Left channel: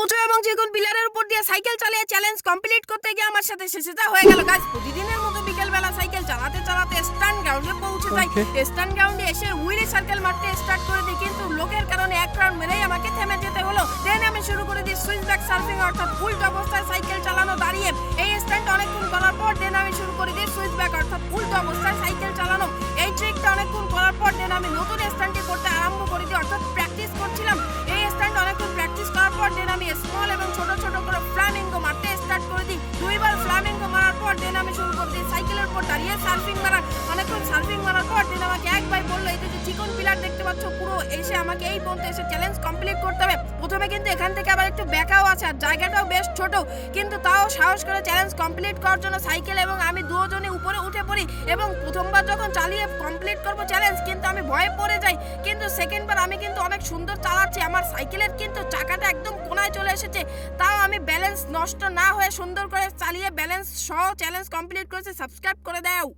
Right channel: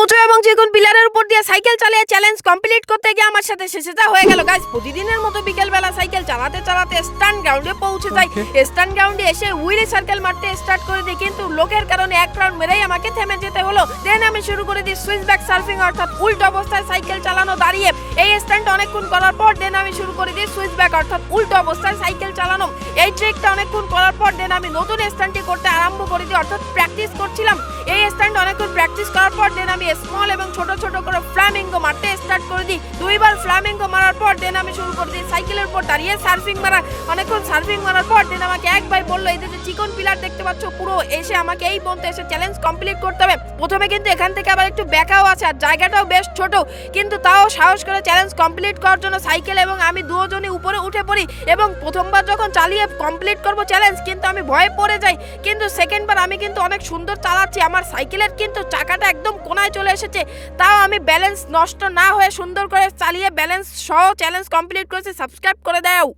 উঁচু এবং চিকন পিলারের উপর দিয়ে সাইকেল চালিয়ে চ্যালেঞ্জ কমপ্লিট করতে গিয়ে আমার সাথে শেষেটা হয়ে গেল গাইস। প্রতিদিনের মতো বিকেলবেলা সাইকেল চালাতে চালাতে স্টান গ্রাউন্ডে পৌঁছে যাই। স্টান গ্রাউন্ডে এসে হুইলে সার্কেল মারতে স্টার্ট করে দিই, কিন্তু লোকের কারণে এক রাউন্ড মেরেই আমাকে থেমে যেতে হলো। দেন আমি শুরু করে দিই সুইচ ব্যাক সার্ফিং, অর্থাৎ উল্টো অবস্থায় সাইকেল চালানো দাঁড়িয়ে। এই স্টান্ট অনেকক্ষণ করার পর দেন আমি শুরু করে দিই সুইচ ব্যাক, অর্থাৎ উল্টো অবস্থায় সাইকেল চালানো। এই ট্রিকটা অনেকক্ষণ করার পর দেন আমি নতুন স্টান্টটি করতে আরম্ভ করে দিই, অর্থাৎ প্র্যাকটিস করছিলাম। এই স্টান্ট অনেকক্ষণ প্র্যাকটিস করার পর দেন আমি স্মল এবং ছোট ছোট করে ফ্ল্যামিঙ্গো মারতে স্টার্ট করে দিই। দুইবার ফ্ল্যামিঙ্গো মারার পর দেন আমি শুরু করে দিই সাইকেলের উপর দাঁড়িয়ে সার্ফিং মারা। অনেকক্ষণ সার্ফিং মারার পর দেন আমাকে এক ভাই বললো, এই যে চিকন পিলার দেখতে পাচ্ছ পুরো এসে আমাকে এই পর্যন্ত এসে চ্যালেঞ্জ কমপ্লিট করতে হবে। প্রথমে কিন্তু এখান থেকে আবার একটু ব্যাকাও আছে আর জায়গাটাও বেশ ছোট, কিন্তু তাও সাহস করে চ্যালেঞ্জ কমপ্লিট করার জন্য সাইকেল এবং আমি দুজনই উপরে উঠে পড়ি। এবং প্রথমবার যখন চালিয়ে কমপ্লিট করব চ্যালেঞ্জ, কিন্তু আমি ভয়ে পড়ে যাই। কিন্তু সেকেন্ডবার আমি কিন্তু অনেক সুন্দর চালাচ্ছি, আমার সাইকেলের কিন্তু চাকাটা একদম কোনায় চলে এসেছে, তাও আমি ব্যালেন্স নষ্ট না হয়ে সুন্দর করে চালিয়ে ব্যালেন্স সহ চ্যালেঞ্জ কমপ্লিট করেছি। সাবস্ক্রাইব করে দাও।